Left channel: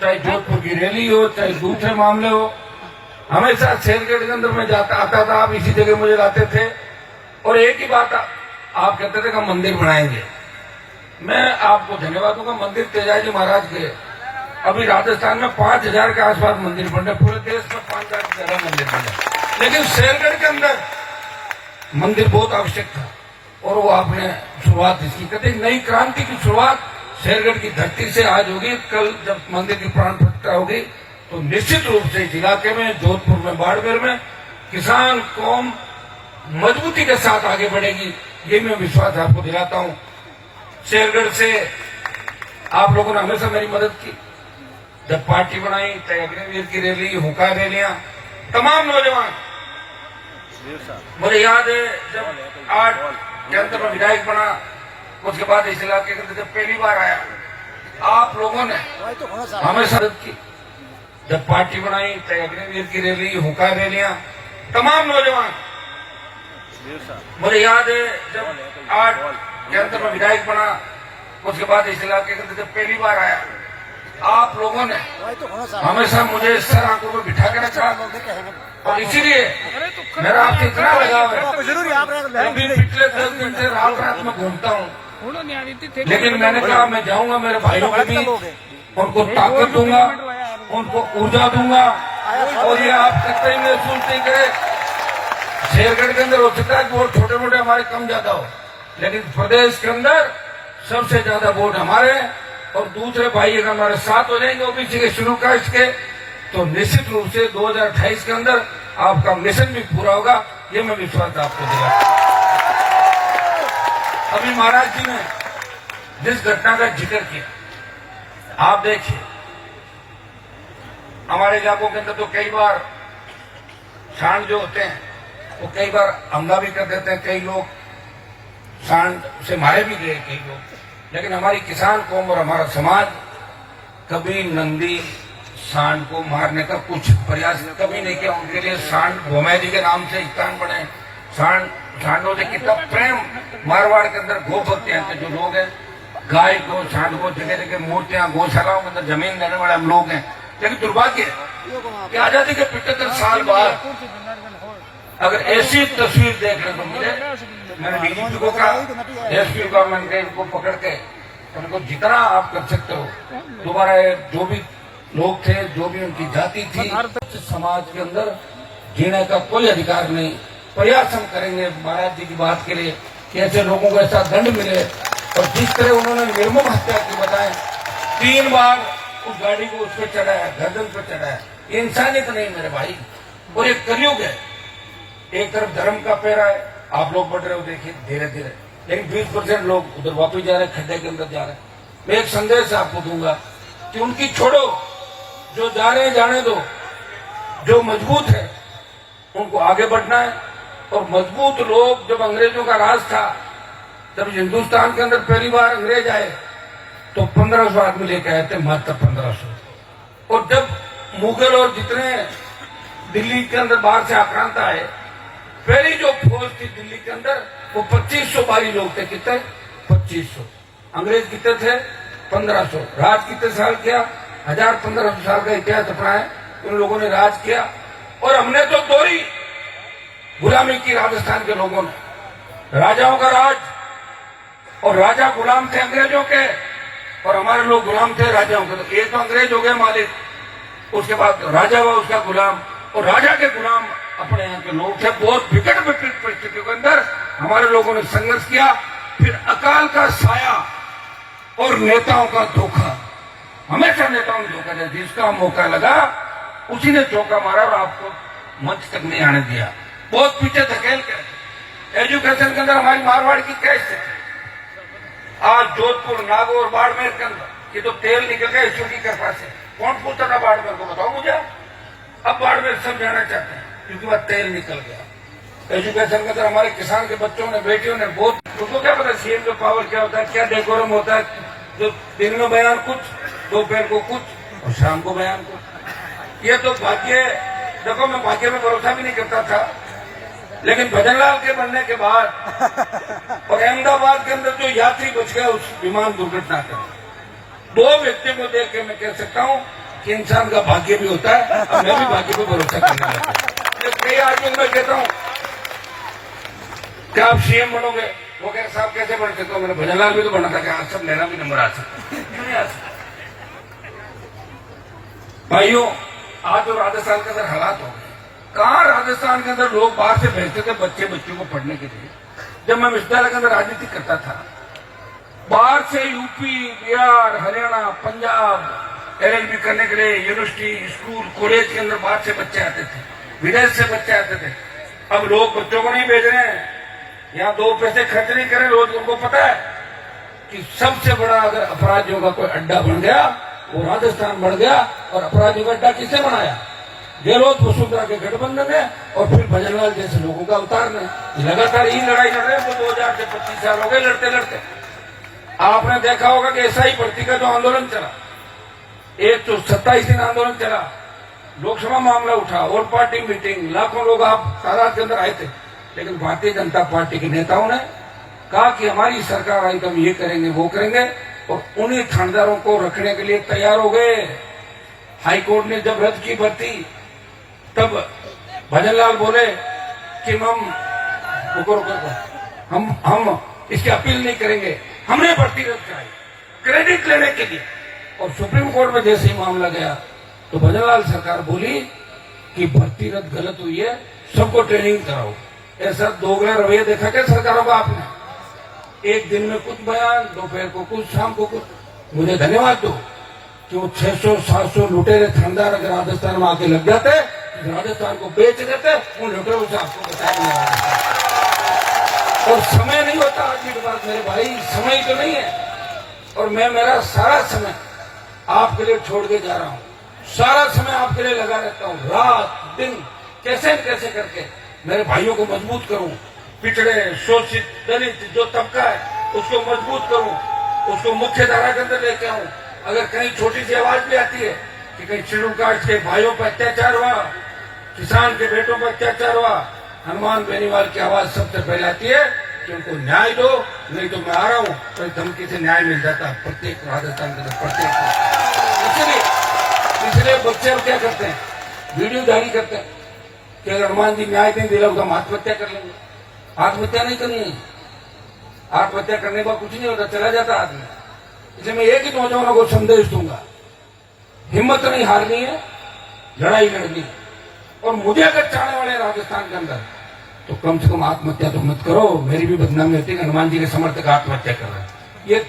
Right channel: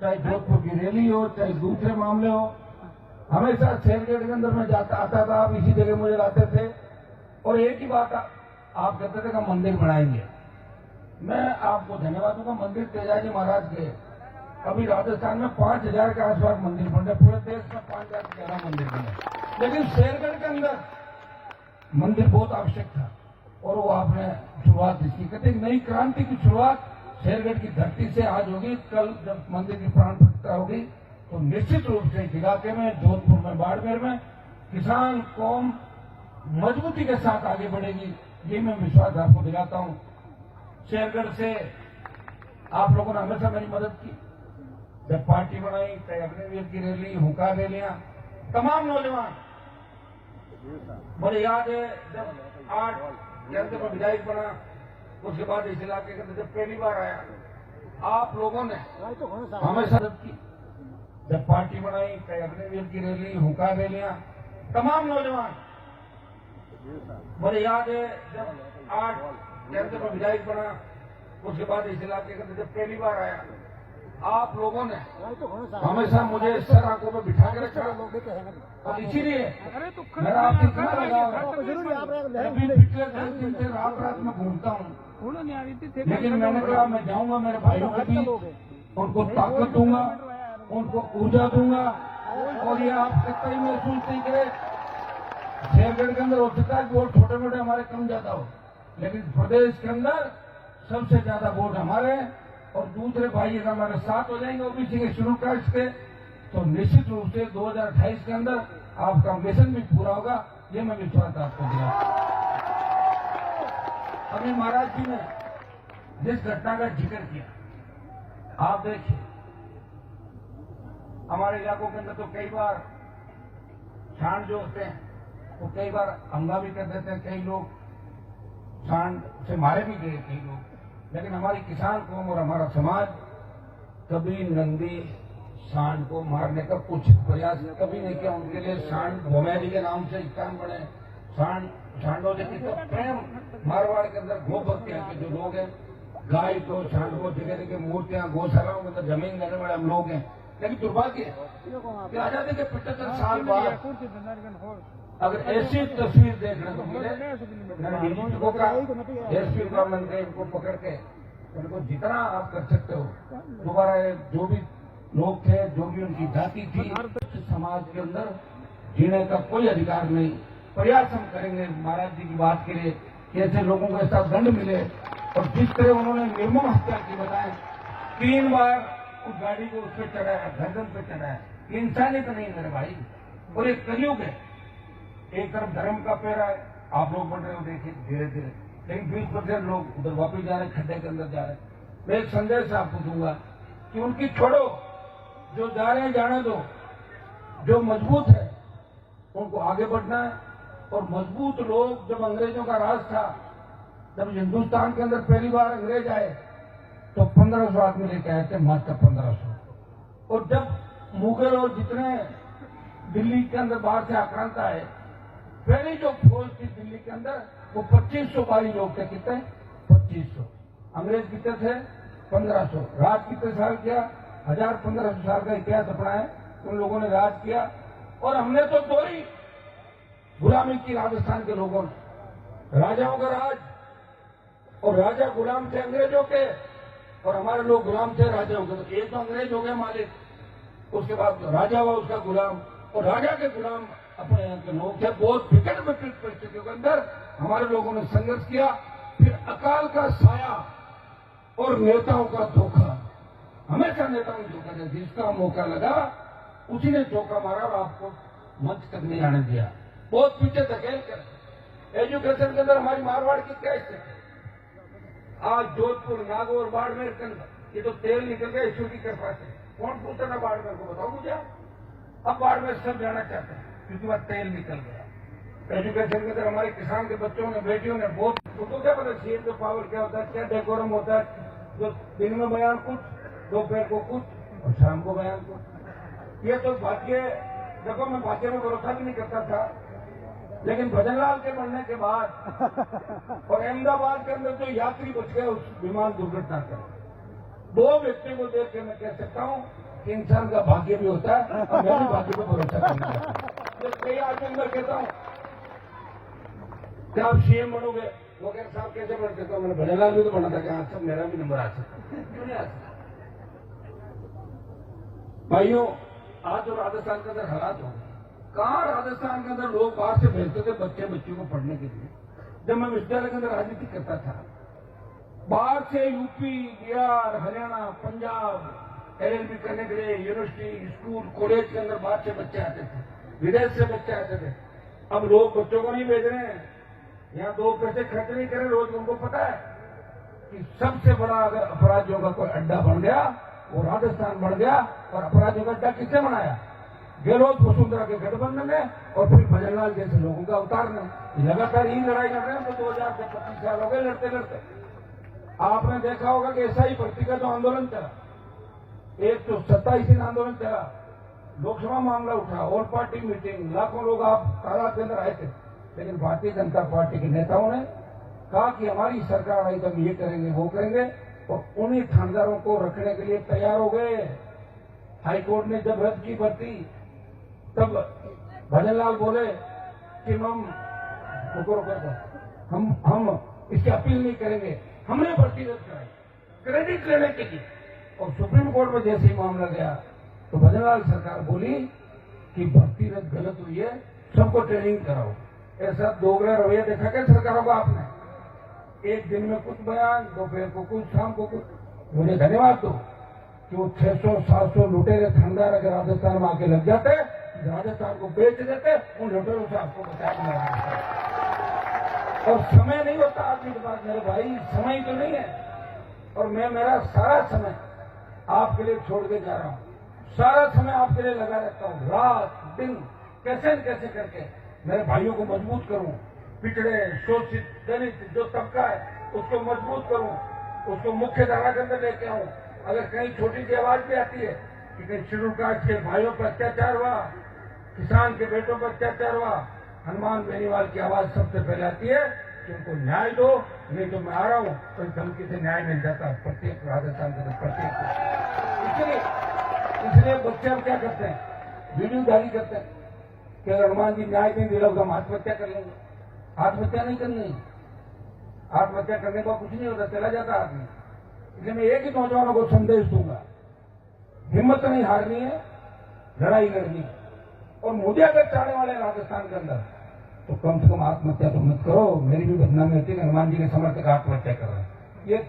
चाहे जोधपुर की रैली हो, चाहे दूसरे मामले हो, हमेशा शेरगढ़ के अंदर मैं आता था। आप इसी जगह मुझे लाते थे और एक ही बात आप कहते थे कि हम मंदिर बनाएंगे। मैं आपको धन्यवाद दूंगा। मंदिर तेजाजी महाराज के अभी राजस्थान में 5000 के आसपास मंदिर बन रहे, पूरे देश में 5000 से ज्यादा मंदिर बन रहे, लेकिन शेरगढ़ के अंदर मंदिर बहुत आवश्यक था और वो आपने शुरुआत इसकी कहते नई क्रांति की शुरुआत शेरगढ़ की धरती से आज होगी। कल जब मंदिर की प्राण प्रतिष्ठा होगी तो निश्चित रूप से इस इलाके में, जोधपुर में, बाड़मेर में किसान कौम मजबूती के साथ आगे बढ़ेगी, ये मैं विश्वास आपको दिलाता हूं। शेरगढ़ से आप लोगों ने हमेशा मेरी मदद की, जब पार्टी बनाई, चाहे अग्निवीर की रैली, हुक्का रैलियां, तमाम नौजवान, मुझे याद है जब 8 के अंदर में विधायक बना, उसके बाद इस इलाके के अंदर जब पहली बार आया, आप लोगों ने हमेशा मदद की, जब पार्टी बनाई, चाहे अग्निवीर की रैली, हुक्का रैलियां, तमाम नौजवान, मुझे याद है जब 8 के अंदर में विधायक बना, उसके बाद इस इलाके के अंदर जब पहली बार आया, आप लोगों ने हमेशा मुझे इस तरह आंखों में बिठा के रखा और इसीलिए मेरा आपसे इतना लगाव है। अभी पिछले 10 दिन से रात में घूमता हूँ, लेकिन मैंने कहा मैं जाऊंगा मेरे भाइयों के बीच, उनको ताकत दूंगा, उनको ऊर्जा दूंगा और ये आप कतई महसूस नहीं करे। शेरगढ़ के अंदर हो सकता है वोट छोटे मोटे हमारे कम ज्यादा हो, लेकिन प्रदेश के अंदर सबसे ज्यादा वोट हमारे और दूसरे भाई अगर हमारे साथ हो जाएंगे ओबीसी के शुरू कास्ट के, तो निश्चित रूप से 2028 के अंदर आपका मिशन भी पूरा होगा, ये मैं विश्वास आपको दिला। अभी महाराज जी ने जिस घटना का जिक्र किया, आप देखिए हमारे इलाकों के अंदर तो कई बार सांड जो होते हैं वो कई बार हमला भी कर देते हैं, कई लोग सांड से मारे भी गए कई लोग, लेकिन हमारी किसान कौम और हमारा समाज कभी नंदी सांड को मारने का कुछ प्रयास कभी नहीं किया। उनके लिए सांड भोमै जी के नाम से स्थान बने, सांडों से कितना प्रेम मारवाड़ के अंदर गो भक्ति हैं जो लोग हैं, गाय को सांड को जगह जगह मूर्तियां गौशालाओं के अंदर जमीन देने वाले हम लोग हैं। लेकिन दुर्भाग्य कि आजादी के 75 साल बाद अगर ऐसी तस्वीर देखने को मिले, मैंने डीजीपी को कहा, एसपी को मैंने इनको पकड़ के उनको जितना आप कर सकते हो दोबारा जो भी लोग थे, जो भी उनकी जाति थी, समाज के अंदर जीने का कोई अधिकार नहीं। प्रयास हम करेंगे महाराज जी की बात के लिए कि ऐसे लोगों को ऐसा दंड मिले और जिस तरह उन्होंने निर्मम हत्या की बताए, 3 बार उस गाड़ी को उस पर चढ़ाया, गर्दन पर चढ़ाया, ये इंसानियत नहीं मेरे भाई। और ये कलयुग है, एक तरफ धर्म का पैरा है, आप लोग बढ़ रहे हो देखिए धीरे धीरे, लेकिन 20% लोग उधर वापस जा रहे हैं, खड्डे के अंदर जा रहे हैं। मैं एक संदेश आपको दूंगा कि उनकी छोड़ो, जो जा रहे हैं जाने दो, जो मजबूत है उनको आगे बढ़ना है। और मजबूत लोग, जब अंग्रेजों का राज था, जब हिंदुस्तान के अंदर पहली बार अंग्रेज आए तो 1500 आदमी लेके आए थे, मात्र 1500। और जब मुगल और जितने दिल्ली के अंदर बाहर से आक्रांत आए, पहली जो फौज थी दिल्ली के अंदर वो 2500 बारी लोग थे। कितने? 2500। अंग्रेज कितने थे? 1500। राज कितने साल किया? 1000-1500 साल का इतिहास अपना है, उन लोगों ने राज किया। और हमने तो दोहरी गुलामी की राजस्थान के लोगों ने, राजाओं का राज, और राजा गुलाम थे अंग्रेजों के और हमारे लोग गुलाम थे राजाओं के। तो एक तो अंग्रेज हो गए मालिक, उसके बाद राजा हुआ उसका गुलाम, और राजा के गुलाम अपने यहाँ के लोग थे। बहुत विकट परिस्थितियों के अंदर हमारे लोगों ने संघर्ष किया। फिर अकाल का साया और नेताओं का धोखा, हमेशा नेताओं ने धोखा दिया, जिसका मौका लगा उसी ने चौका मारा और आपको मंच तक नहीं आने दिया, बहुत पीछे धकेल कर। एजुकेशन के अंदर हमारी मारवाड़ की क्या स्थिति, आज जोधपुर, नागौर, बाड़मेर के अंदर ये तो तेल निकल गया ईश्वर की कृपा से। कौन पूछता था बाड़मेर को, बताओ मुझे। अब बाड़मेर सब जाना चाहते हैं क्योंकि वह तेल निकल गया। एजुकेशन के अंदर हमारे किसान के बच्चों ने, बेटियों ने बहुत, उनको क्या पता सीएम का पावर क्या होता है, क्या डेकोरम होता है, जो दिन में बयान कुछ, दोपहर को कुछ और शाम को बयान कुछ। ये तो भाग्य, देखो मैं भाग्य में भरोसा भी नहीं करता था, लेकिन भजनलाल के बनने के बाद और अहमदाबाद के अंदर जो यात्री बच गया उस विमान दुर्घटना के, 2 व्यक्तियों को देख के मैं कह सकता हूं कि इंसान का भाग्य भी होता है। अब मैं भी भाग्य पर भरोसा करने लगा। जब कई आदमी मैं कहता हूँ क्या आप सीएम बनोगे, वो कह साहब कैसे बनते, तो मैंने भजनलाल भी तो बना था, क्या सब मेरा भी नंबर आ सकता, क्यों नहीं आ सकता। भाइयों, आज तो राजस्थान के अंदर हालात हो गए, कहाँ राजस्थान के अंदर लोग बाहर से भेजते थे बच्चों को पढ़ने के लिए। जब मैं विश्वविद्यालय के अंदर राजनीति करता था, बाहर से यूपी, बिहार, हरियाणा, पंजाब एलएलबी करने के लिए यूनिवर्सिटी, स्कूल, कॉलेज के अंदर बाहर से बच्चे आते थे, विदेश से बच्चे आते थे। अब लोग बच्चों को नहीं भेज रहे हैं, यहाँ 2 पैसे खर्च नहीं करें। रोज उनको पता है कि सबसे बड़ा अगर अपराधियों का कोई अड्डा बन गया वो राजस्थान बढ़ गया। और अपराधियों का अड्डा किसने बनाया? गहलोत वसुंधरा के गठबंधन है और फिर भजनलाल जैसे लोगों का उतारना है। लगातार यही लड़ाई लड़ रहे हैं, तो 2000 से 25 साल हो गए लड़ते लड़ते। आपने देखा होगा कि एसआई भर्ती का जो आंदोलन चला, एक तो 27 दिन आंदोलन चला, लोकसभा मामला उठा, ऑल पार्टी मीटिंग, लाखों लोग आप तादाद के अंदर आए थे। लेकिन भारतीय जनता पार्टी के नेताओं ने कहा कि हमारी सरकार आई तो हम ये करेंगे वो करेंगे, और उन्हीं थानेदारों को रखने के लिए तैयार हो गए। हाईकोर्ट ने जब रद्द की भर्ती, तब भजनलाल बोले कि हम इसकी अपील नहीं करेंगे, हमने भर्ती रद्द कराई क्रेडिट लेने के लिए। और सुप्रीम कोर्ट में जैसे ही मामला गया तो भजनलाल सरकार बोली कि भर्ती रद्द गलत हुई है, सबको ट्रेनिंग कराओ। ऐसा दोगला रवैया देखा क्या सरकारों का आपने? एक दिन में कुछ बयान, दोपहर को कुछ, शाम को कुछ। मुझे धन्यवाद दो कि वो 600-700 लुटेरे थानेदार अगर राजस्थान में आके लग जाते, राजस्थान को बेच देते, उन लुटेरों से आपको बताया। और समय नहीं होता आज की बात मेरे भाई, समय तो नहीं है। और मैं मेरा सारा समय आपके लिए छोड़ के जा रहा हूँ, सारा समय आपके लिए लगा रहता हूँ, रात दिन कैसे न कैसे करके मेरे भाइयों को मजबूत करूं, पिछड़े, शोषित, दलित जो तबका है उसको मजबूत करूं, उसको मुख्य धारा के अंदर लेके आऊं। अगर कहीं छोटी सी आवाज भी आती है कि कहीं शेड्यूल कास्ट के भाइयों पर अत्याचार हुआ, किसान के बेटों पर अत्याचार हुआ, हनुमान बेनीवाल की आवाज सबसे पहले आती है कि उनको न्याय दो, नहीं तो मैं आ रहा हूं। तो धमकी से न्याय मिल जाता है प्रत्येक राजस्थान के अंदर, प्रत्येक। इसलिए बच्चे अब क्या करते हैं, वीडियो जारी करते हैं कि अगर हनुमान जी न्याय नहीं दिला तो हम आत्महत्या कर लेंगे। आत्महत्या नहीं करनी है, आत्महत्या करने पर कुछ नहीं होता, चला जाता आदमी। इसलिए मैं एक ही नौजवानों को संदेश दूंगा, हिम्मत नहीं हारनी है, लड़ाई लड़नी है। और मुझे अगर चाहने वाले राजस्थान के अंदर तो कम से कम आत्महत्या तो मत करो। मेरी भी बदनामी होती है, हनुमान जी के समर्थक आत्महत्या कर रहे हैं। ये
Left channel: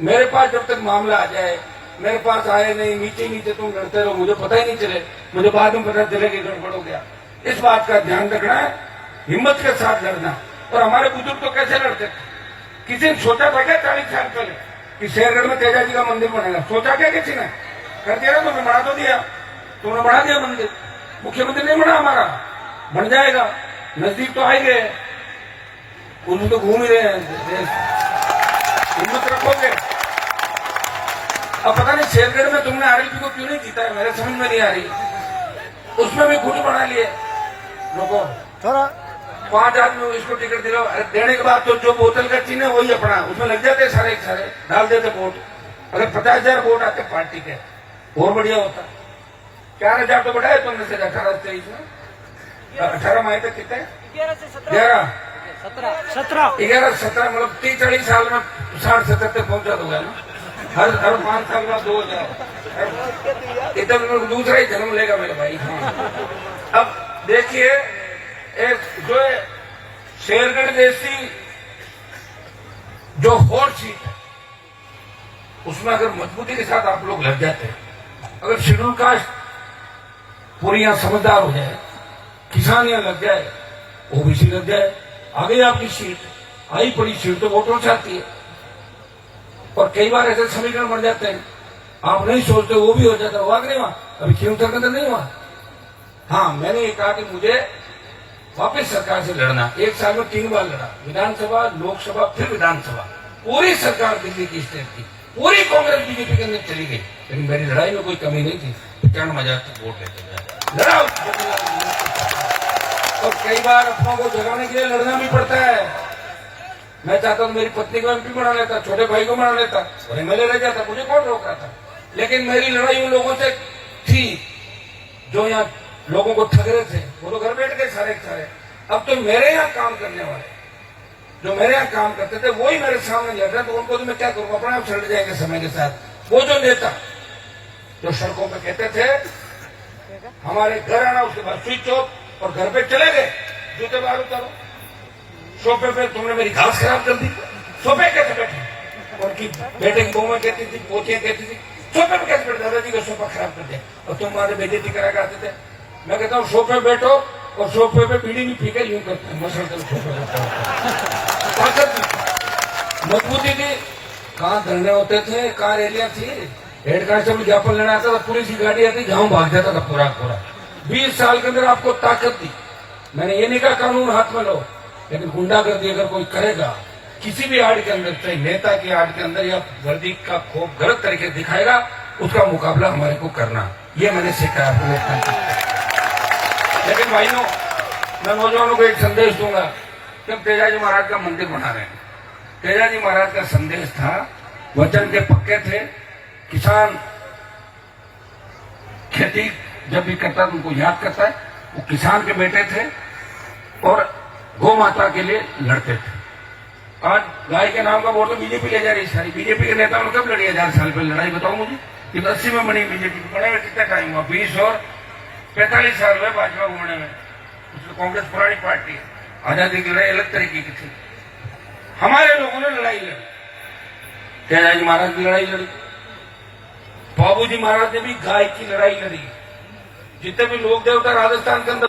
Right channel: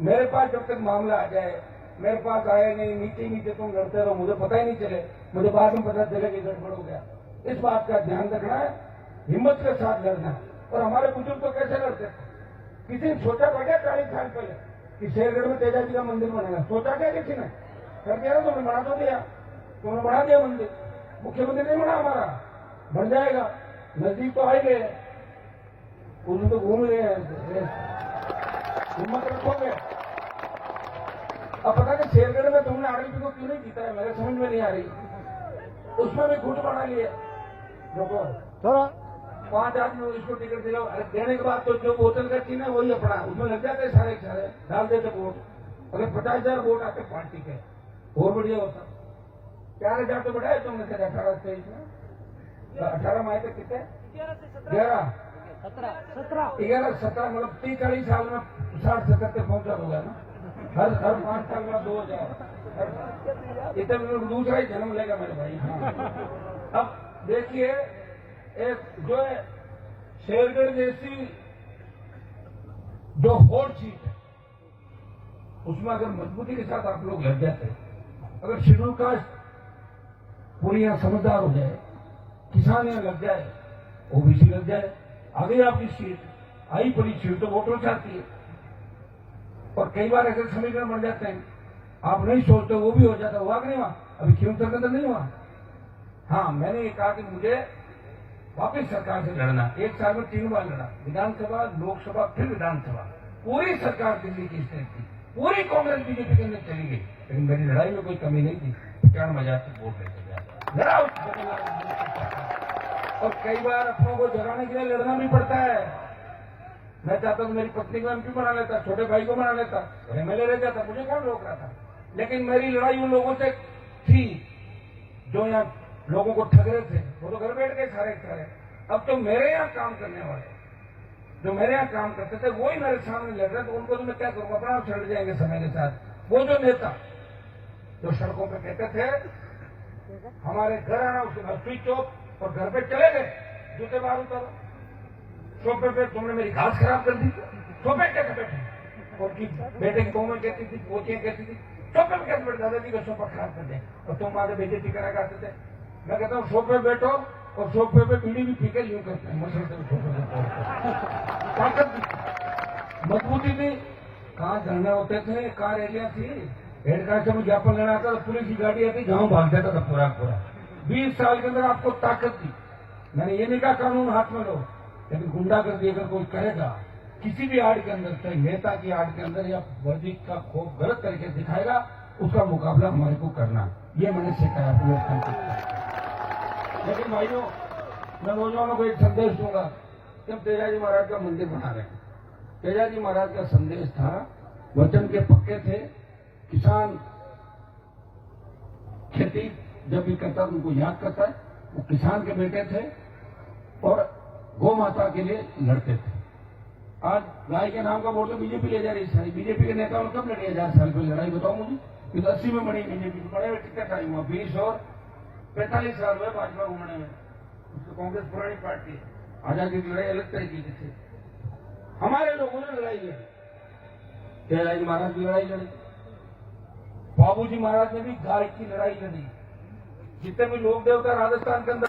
मेरे पास जब तक मामला आ जाए, मेरे पास आए नहीं, नीचे नीचे तुम लड़ते रहो, मुझे पता ही नहीं चले, मुझे बाद में पता चले कि गड़बड़ हो गया। इस बात का ध्यान रखना है, हिम्मत के साथ लड़ना। और हमारे बुजुर्ग तो कैसे लड़ते थे? किसी ने सोचा था क्या 40 साल पहले कि शेरगढ़ में तेजा जी का मंदिर बनेगा? सोचा क्या किसी ने? कर दिया ना, तुमने बना तो दिया, तुमने बढ़ा दिया मंदिर। मुख्यमंत्री नहीं बना हमारा, बन जाएगा, नजदीक तो आए गए, उसमें तो घूम ही रहे हैं। हिम्मत रखोगे। अब पता नहीं शेरगढ़ में तुमने आरएलपी को क्यों नहीं जीता है, मेरे समझ में नहीं आ रही। उसमें भी गुट बना लिए लोगों, 5 आदमी इसको टिकट दिलाओ, देने के बाद तो जो बोतल का चीन है वही अपना, उसमें लग जाते सारे डाल देते वोट। अगर 50,000 वोट आते पार्टी के और बढ़िया होता। 4,000 तो बढ़ाए तुमने से 18-23 में, 18 में आए थे कितने? 11, 17 मतलब 30-40 साल में 60-70 तक पहुंचा दोगे ना। हर 5 साल में 2,000 इतना दूसरा ही जन्म लेगा मेरे भाई। अब देखिए, एक जो शेरगढ़ जैसी जो होड़ सीट है उसमें अगर मजबूती के साथ आप लोग लग जाते हैं, अगर शेड्यूल कास्ट पूरी यहाँ समझदार हो जाए, किसान यहाँ लग जाए, ओबीसी लग जाए, आ गई आपकी सीट, आई पड़ी सीट तो वोटों से आती है। और कई बार ऐसे समीकरण बन जाते हैं, आप नहीं सोचते वो भी हो जाता। हुआ कि नहीं हुआ? अभी खीमतर के अंदर नहीं हुआ। हाँ, मैंने ये कहा कि मुझे वापस सरकार से लड़ना। 1 साल में 3 बार लड़ा, विधानसभा, लोकसभा, फिर विधानसभा। पूरी सरकार दिल्ली की स्टेट की, पूरी कांग्रेस बीजेपी के अंदर चली गई, लेकिन मेरी लड़ाई में कोई कमी नहीं थी। 95,000 तक वोट लेते गए, लड़ा। और कई बार अपनों को जगाने के लिए लड़ना भी पड़ता है। मैं चाहता हूँ मेरी पत्नी को एमपी बना लेता, छोटे भाई को बना लेता और एमएलए रह जाता, मुझे कौन रोक रहा था। लेकिन मेरी लड़ाई उन लोगों से थी जो यहाँ लोगों को ठग रहे थे, वो तो घर बैठ गए सारे के सारे। अब तो मेरे यहाँ काम करने वाले, जो मेरे यहाँ काम करते थे, वही मेरे सामने लड़ रहे, तो उनको तो मैं क्या करूँ, अपना आप चढ़ जाएंगे समय के साथ। वो जो नेता जो सड़कों पे कहते थे हमारे घर आना, उसके बाद स्विच ऑफ और घर पे चले गए, जूते बाहर उतारो, सोफे पे तुमने मेरी घास खराब कर दी, सोफे कैसे बैठे, उनकी बेटे की बहुएं कहती थी, पोतियां कहती थी सोफे पे कैसे बैठे, दादाजी का सोफा खराब कर दिया, और तुम हमारे बेइज्जती करा करते थे। मैं कहता हूँ सोफे बैठो और सोफे पे बीड़ी नहीं पी के यूं करते हैं, मसल सोफे ताकत मजबूती थी। कहाँ धरने होते थे, कहाँ रैलियां थी, हेड कांस्टेबल ज्ञापन लेना आता था, पुलिस की गाड़ी आती, गाँव भाग जाता था पूरा पूरा। 20 साल के अंदर आपको ताकत दी। मैंने ये नहीं कहा कानून हाथ में लो, लेकिन गुंडागर्दी अगर कोई करेगा किसी भी आड़ के अंदर, चाहे नेता की आड़ के अंदर या वर्दी का खोप गलत तरीके से दिखाएगा, उसका मुकाबला हमारे को करना, ये मैंने सीखा है। लेकिन भाइयों, मैं नौजवानों को एक संदेश दूंगा कि हम तेजाजी महाराज का मंदिर बना रहे हैं। तेजाजी महाराज का संदेश था, वचन के पक्के थे, किसान खेती जब भी करता तो उनको याद करता है, वो किसान के बेटे थे और गौ माता के लिए लड़ते थे। आज गाय के नाम का वोट तो बीजेपी ले जा रही है सारी। बीजेपी के नेताओं ने कब लड़ी 1000 साल पहले लड़ाई, बताओ मुझे। ये 80 में बनी बीजेपी, बने हुए कितना टाइम हुआ, 20 और 45 साल हुए भाजपा घूमने में। उसकी कांग्रेस पुरानी पार्टी है। आजादी की लड़ाई अलग तरीके की थी, हमारे लोगों ने लड़ाई लड़ी, तेजाजी महाराज की लड़ाई लड़ी, बाबूजी महाराज ने भी गाय की लड़ाई लड़ी। जितने भी लोक देवता राजस्थान के अंदर